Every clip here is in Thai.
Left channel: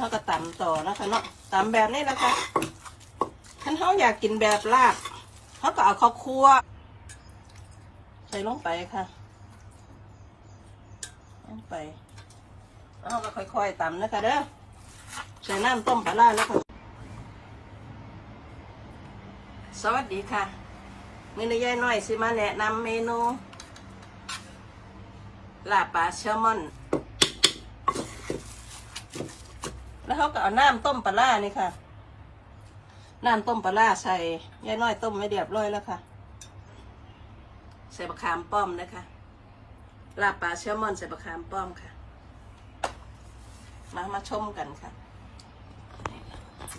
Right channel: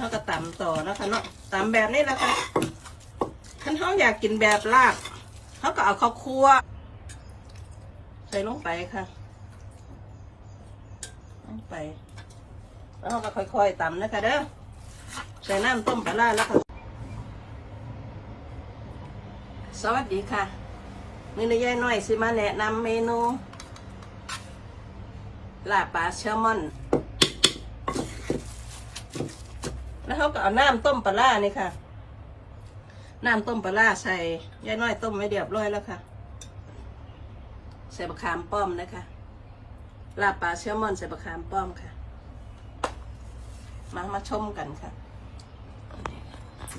เขาก็ตำต่อนะคะเนาะตำแบบนี้แหละค่ะท่านเขาอยากกินแบบลาบเขาก็เอาข้าวคั่วใส่ลงไปค่ะลงไปแล้วเราก็ค่อยๆตำนะคะเด้อใส่น้ำต้มปลาแล้วก็สวัสดีค่ะมือนี้ยายน้อยสิมาแนะนำเมนูลาบปลาแซลมอน แล้วเขาก็เอาน้ำต้มปลาร้านี่ค่ะ น้ำต้มปลาร้าใส่ยายน้อยต้มไว้เรียบร้อยแล้วค่ะ ใส่บะขามป้อมนะคะลาบปลาแซลมอนใส่บะขามป้อมค่ะ มามาชมกันค่ะ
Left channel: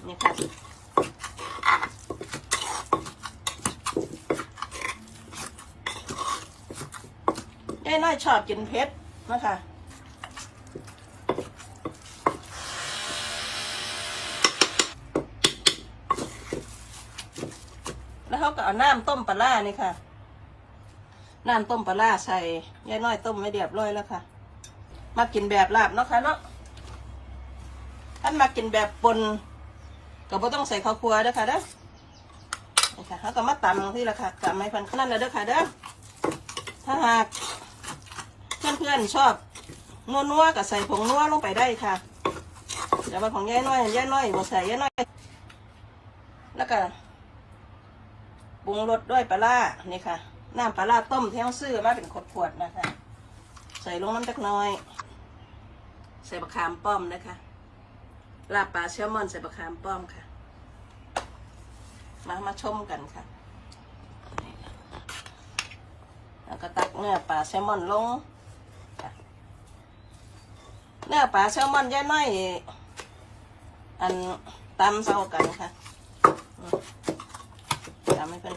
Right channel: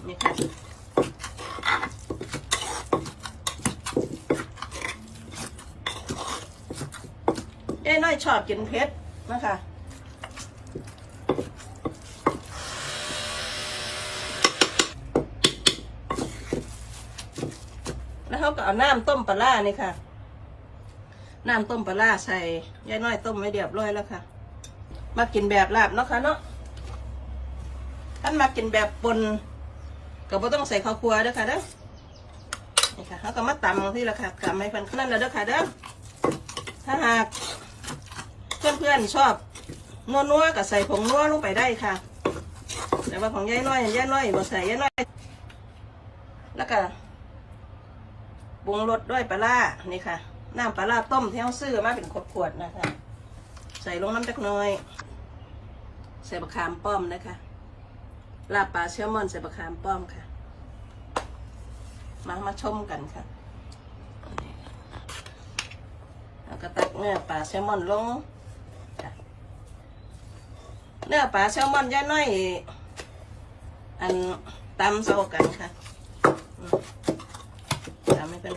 นี่ค่ะยายน้อยชอบกินเผ็ดนะคะ แล้ว เขาก็เอาน้ำต้มปลาร้านี่ค่ะ น้ำต้มปลาร้าใส่ยายน้อยต้มไว้เรียบร้อยแล้วค่ะ มากินแบบลาบเนาะค่ะเนาะท่านมากินแบบปนก็บ่ต้องใส่ข้าวคั่วเด้อค่ะเด้อนี่ค่ะเขาก็มาตำที่ละค่ะตำให้พันนั่นล้วเด้อค่ะเด้อ ถ้าหากเพื่อนๆชอบนัวๆก็ใส่ผงนัวลงไปได้ค่ะแต่ว่าของยายน้อยยายน้อยบ่ใส่ยายน้อยแล้วก็ ปรุงรสด้วยปลาร้านี่ค่ะ น้ำปลาร้าต้มที่เขาซื้อมาเป็นขวดๆนะคะ ใส่ลงน้ำจักน้อย ใส่บะขามป้อมนะคะลาบปลาแซลมอนใส่บะขามป้อมค่ะ มามาชมกันค่ะแล้วก็ตักเนื้อปลาแซลมอนลง เนื้อปลาแซลมอนย่าน้อย อันตำเซากันค่ะ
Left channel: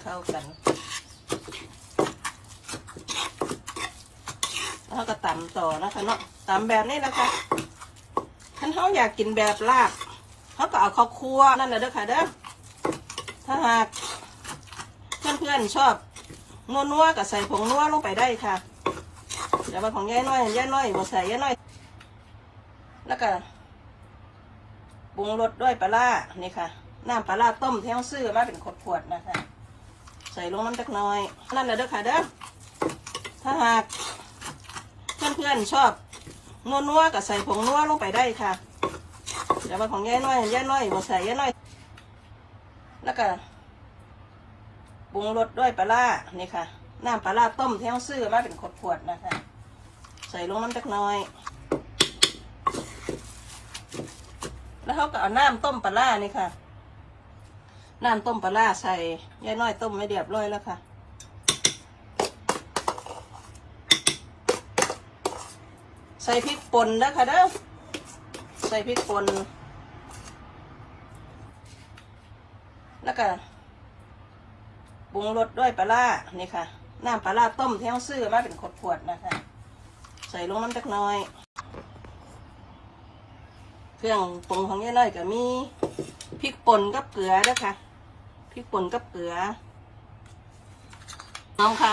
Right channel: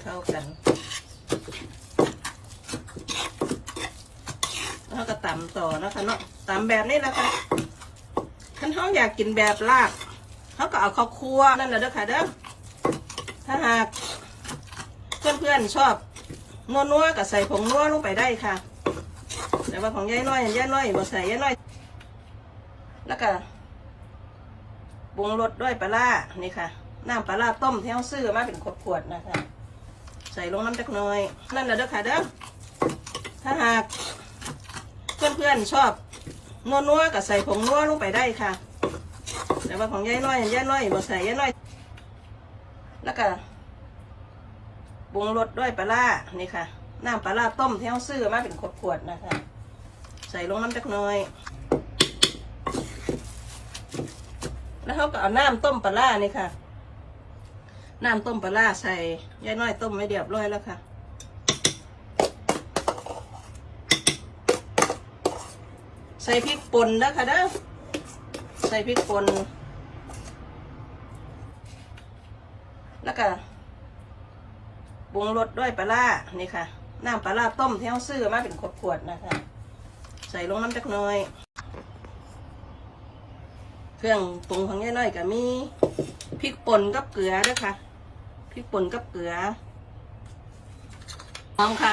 เข้ากันแล้วก็ตำต่อนะคะเนาะตำแบบนี้แหละคะท่านเขาอยากกินแบบลาบเขาก็เอาข้าวคั่วนั่นแหละเด้อค่ะเด้อถ้าหากเพื่อนๆชอบนัวๆก็ใส่ผงนัวลงไปได้ค่ะแต่ว่าของยายน้อยยายน้อยบ่ใส่ยายน้อย แล้วก็ปรุงรสด้วยปลาร้านี่ค่ะ น้ำปลาร้าต้มที่เขาซื้อมาเป็นขวดๆนะคะ ใส่ลงน้ำจักหน้อย นั่นแหละเด้อค่ะเด้อ ถ้าหากเพื่อนๆชอบนัวๆก็ใส่ผงนัวลงไปได้ค่ะแต่ว่าของยายน้อยยายน้อยบ่ใส่ยายน้อย แล้วก็ปรุงรสด้วยปลาร้านี่ค่ะ น้ำปลาร้าต้มที่เขาซื้อมาเป็นขวดๆนะคะ ใส่ลงน้ำจักหน้อยแล้วเขาก็เอาน้ำต้มปลาร้านี่ค่ะ น้ำต้มปลาร้าใส่ยายน้อยต้มไว้เรียบร้อยแล้วค่ะ ใส่พริกป่นแล้วค่ะเด้อใส่พริกป่นแล้วก็ปรุงรสด้วยปลาร้านี่ค่ะ น้ำปลาร้าต้มที่เขาซื้อมาเป็นขวดๆนะคะ ใส่ลงน้ำจักน้อย เครื่องปรุงของยายน้อยก็มีพริกป่นกับเกลือด้วยค่ะ พริกป่นกับเกลือหอมค่ะ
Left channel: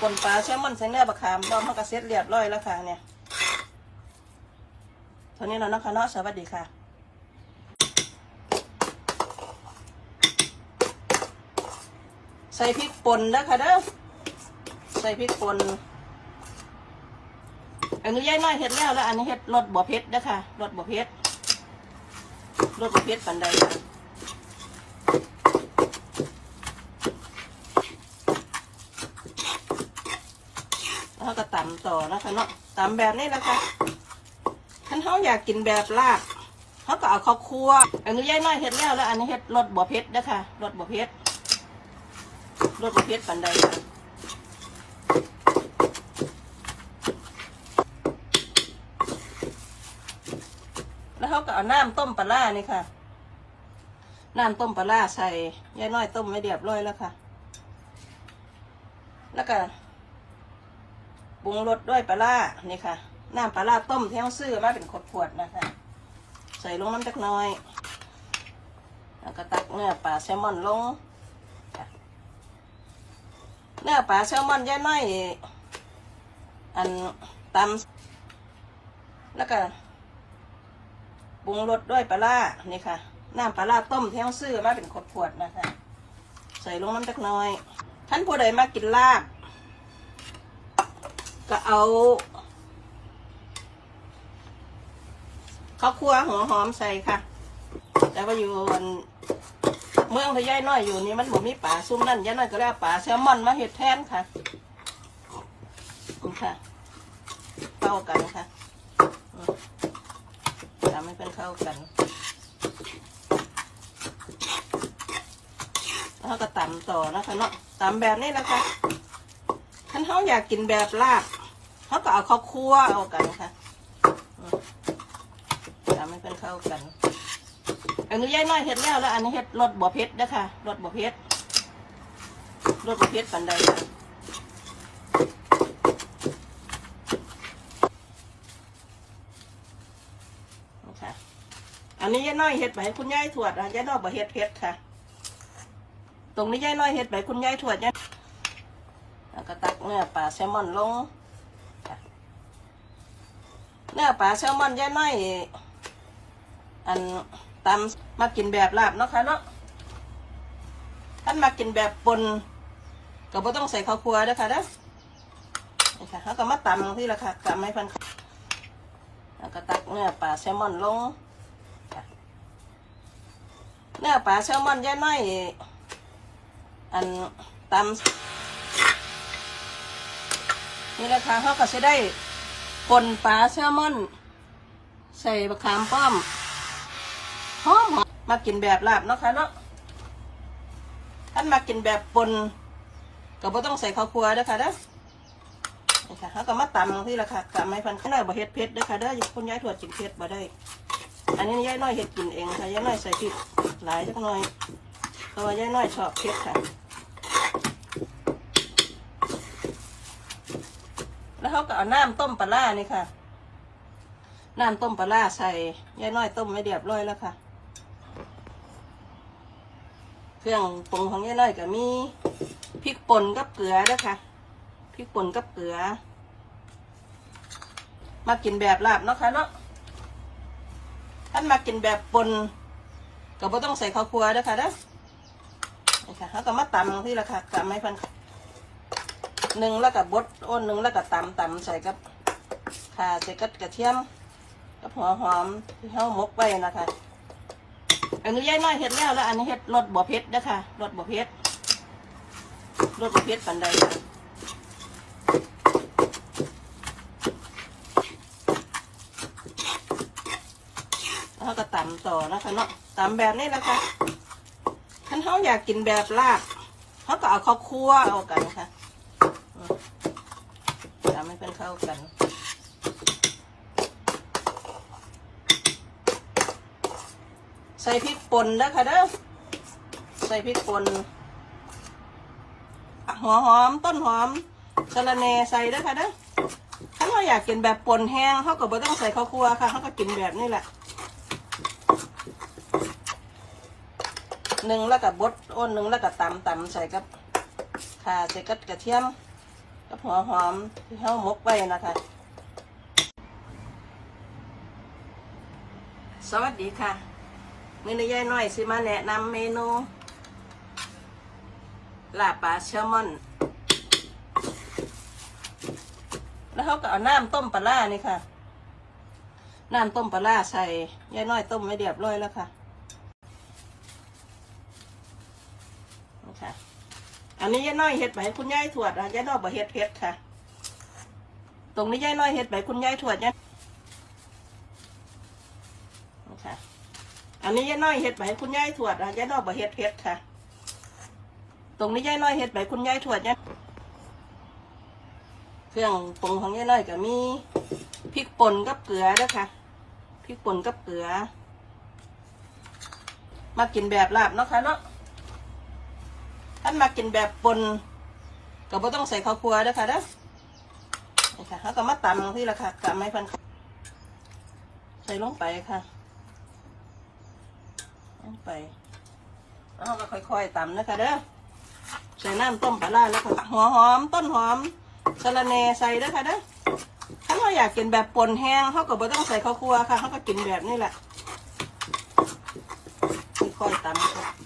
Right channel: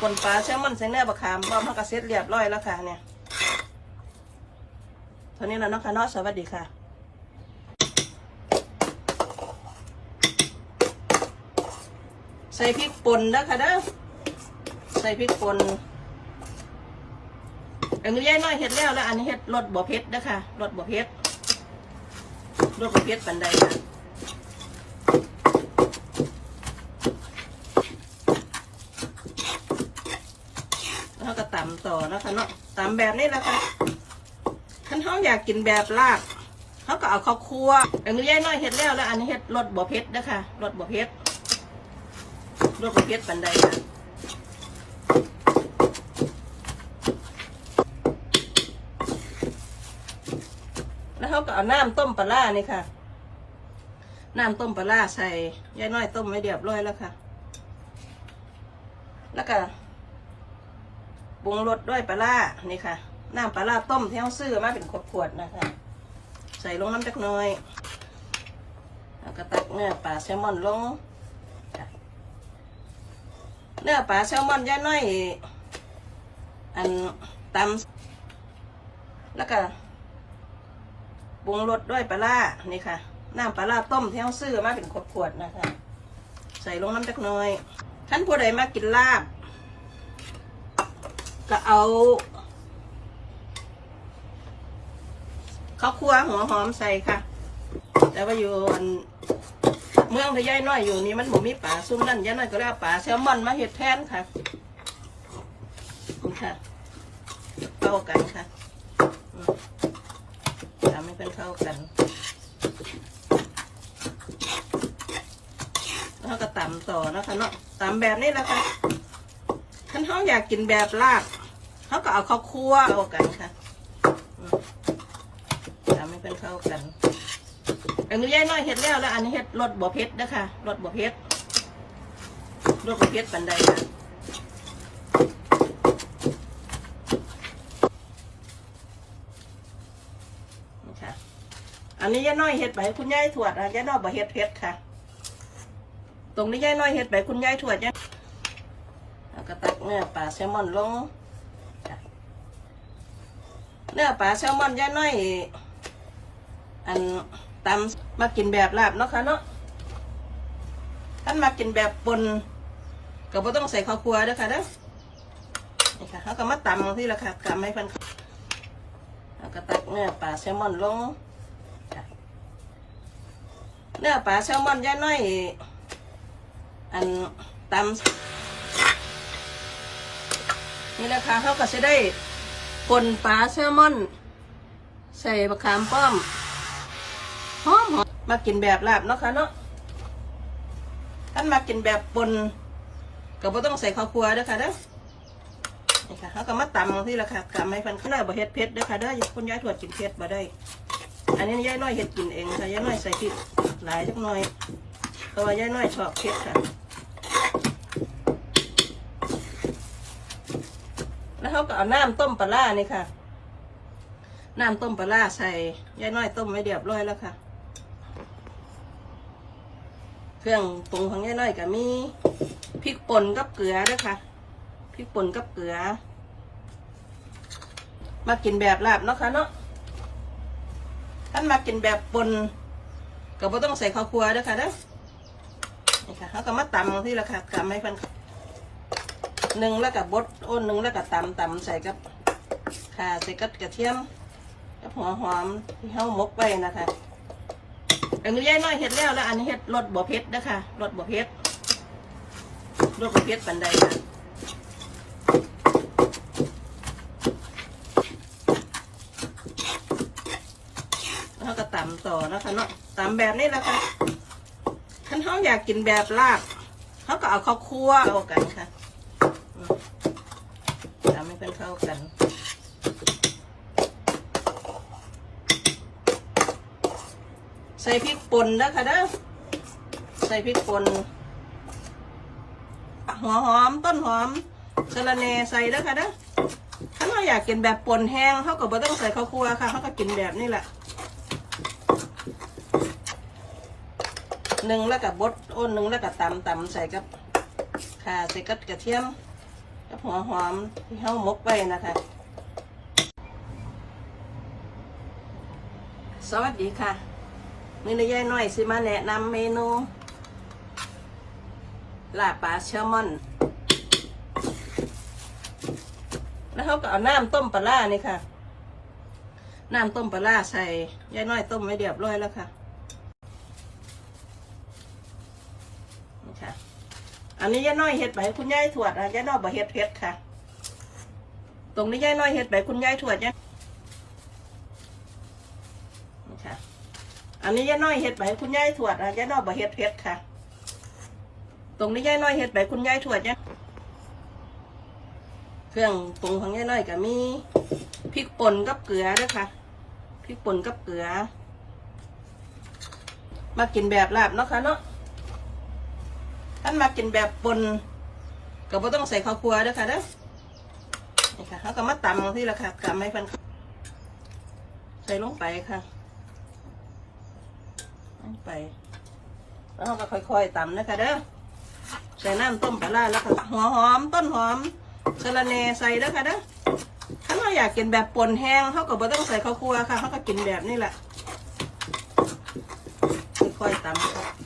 ป่นปลาแซลมอนใส่เนื้อบะขามเราเขาก็เสร็จเรียบร้อยแล้วค่ะเนี่ยเท่านี้แล้วเนะค่ะเนาะสวัสดีค่ะใส่พริกป่นแล้วค่ะเด้อใส่พริกป่นอันนี้ยายน้อยเห็ดแล้วแล้ว อันนี้เห็ดรสบ่เผ็ดนะคะรสบ่เผ็ดรสบ่เผ็ดปันใดค่ะแล้วก็ตำต่อนะ คะเนาะตำแบบนี้แหละค่ะท่านเขาอยากกินแบบลาบเขาก็เอาข้าวคั่วอันนี้ยายน้อยเห็ดแล้วแล้ว อันนี้เห็ดรสบ่เผ็ดนะคะรสบ่เผ็ดรสบ่เผ็ดปันใดค่ะแล้วเขาก็เอาน้ำต้มปลาร้านี่ค่ะน้ำต้มปลาร้าใส่ยายน้อยต้มไว้เรียบร้อยแล้วค่ะ แล้วก็ ปรุงรสด้วยปลาร้านี่ค่ะ น้ำปลาร้าต้มที่เขาซื้อมาเป็นขวดๆนะคะ ใส่ลงน้ำจักน้อย แล้วก็ตักเนื้อปลาแซลมอนลง เนื้อปลาแซลมอนยาน้อย อันตำแล้วก็ปรุงรสด้วยปลาร้านี่ค่ะ น้ำปลาร้าต้มที่เขาซื้อมาเป็นขวดๆนะคะ ใส่ลงน้ำจักน่อยท่านผู้ใดมากินลาบ ก็เอาข้าวคั่วหัวหอมใส่ค่ะ แต่ว่าอยู่อันเมืองทะยายน้อยอยู่นี่มันบ่มีป่าซุ่มนั่นยายน้อยก็เลยเอาป่าแซลมอนมาเห็ดแทนค่ะนี่ค่ะเข้ากันค่ะอืมทำให้เป็นเข้ากันแล้วก็ตำต่อนะคะเนาะตำแบบนี้นะคะท่านเขาอยากกินแบบลาบ เขาก็เอาข้าวคั่วเอากันค่ะทำให้เป็นเข้ากัน อันนี้ย่ายน้อยเห็ดแล้วแล้ว อันนี้เห็ดรสบ่เผ็ดนะคะรสบ่เผ็ดรสบ่เผ็ดปันใดค่ะนะคะอันนี้ย่าน้อยเห็ดไปคุณยายถวดอะย่าน้อยบ่เห็ดเผ็ดค่ะ ตรงนี้ย่าน้อยเห็ดไปคุณยายถวดเนี่ยแล้วก็ตักเนื้อปลาแซลมอนลง นื้อปลาแซลมอนย่าน้อยอันตำมากินแบบลาบเนาะค่ะเนาะท่านมากินแบบปนก็บ่ต้องใส่ข้าวคั่วด้อค่ะเด้อนี่ค่ะเขาก็มาตำที่ละค่ะกำให้พันแล้วก็ตักเนื้อปลาแซลมอนลงเนื้อปลาแซลมอนย่าน้อยอันตำนี่นะคะเขาก็จะได้ ปนปลาแซลมอน ใส่บะขามป้อมหอมหอมมากินแบบลาบเนาะค่ะเนาะท่านมากินแบบปนก็บ่ต้องใส่ข้าวคั่วด้อค่ะเด้อนี่ค่ะเขาก็มาตำที่ละค่ะกำให้พันข้างในบ่เฮ็ดเผ็ดเด้อค่ะเด้อคนย้ายถวดกินเผ็ดบ่ได้ อันนี้ย้ายน้อยเฮ็ดกินเองค่ะย้ายน้อยใส่พริกหลายจักหน่อยเพราะว่าย้ายน้อยชอบเผ็ดค่ะ แล้ว เขาก็เอาน้ำต้มปลาร้านี่ค่ะ น้ำต้มปลาร้าใส่ยายน้อยต้มไว้เรียบร้อยแล้วค่ะ เครื่องปรุงของยายน้อยก็มีพริกป่นกับเกลือด้วยค่ะ พริกป่นกับเกลือ มากินแบบลาบเนาะค่ะเนาะท่านมากินแบบป่นก็บ่ต้องใส่ข้าวคั่วด้วยค่ะเด้อนี่ค่ะเขาก็มาตำที่ละค่ะตำให้เพัน หนึ่งแล้วกับบดอ้นหนึ่งแล้วก็ตำตำใส่กับข่าใส่กับกระเทียมกับหัวหอมที่เฮาหมกไว้นะคะอันนี้ย่ายน้อยเห็ดแล้วแล้ว อันนี้เห็ดรสบ่เผ็ดนะคะรสบ่เผ็ดรสบ่เผ็ดปันใดค่ะแล้วก็ตำต่อนะคะเนาะตำแบบนี้แหละค่ะท่านเขาอยากกินแบบลาบเขาก็เอาข้าวคั่วเอากันค่ะอืมทำให้เป็นเข้ากันใส่พริกป่นนะคะเด้อใส่พริกป่นหัวหอมต้นหอมสะระแหน่ใส่เด้อค่ะเด้อถ้าเราอยากกินแบบป่นแห้งเขาก็บ่ต้องใส่ข้าวคั่วค่ะเขาก็กินแบบนี้แหละหนึ่งแล้วกับบดอ้นหนึ่งแล้วก็ตำตำใส่กับข่าใส่กับกระเทียม หัวหอมที่เขาหมกไว้นะคะ สวัสดีค่ะนี่เลยยายน้อยสิมาแนะนำเมนูลาปลาแซลมอน แล้วเขาก็เอาน้ำต้มปลาร้านี่ค่ะ น้ำต้มปลาร้าใส่ยายน้อยต้มไว้เรียบร้อยแล้วค่ะ อันนี้ยายน้อยเห็ดไปคุณยายถวดอะยายน้อยบ่เห็ดเผ็ดค่ะ ตรงนี้ยายน้อยเห็ดไปคุณยายถวดเนี่ยค่ะ อันนี้ย่าน้อยเห็ดไปคุณยายถวดอะย่าน้อยบ่เห็ดเผ็ดค่ะ ตรงนี้ย่าน้อยเห็ดไปคุณยายถวดเนี่ยเครื่องปรุงของย่าน้อยก็มีพริกป่นกับเกลือด้วยค่ะพริกป่นกับเกลือ มากินแบบลาบเนาะค่ะเนาะ ท่านมากินแบบปนก็บ่ต้องใส่ข้าวคั่วด้วยค่ะเด้อนี่ค่ะเขาก็มาตำที่ละค่ะตำให้พันใส่ลงไปค่ะลงไปแล้วเราก็ค่อยๆตำนะคะเด้อใส่น้ำต้มปลาร้าแล้วก็หัวหอมต้นหอมสะระแหน่ใส่แล้วค่ะเด้อถ้าเราอยากกินแบบป่นแห้งเขาก็บ่ต้องใส่ข้าวคั่วค่ะเขาก็กินแบบนี้แหละค่อยๆตำค่ะ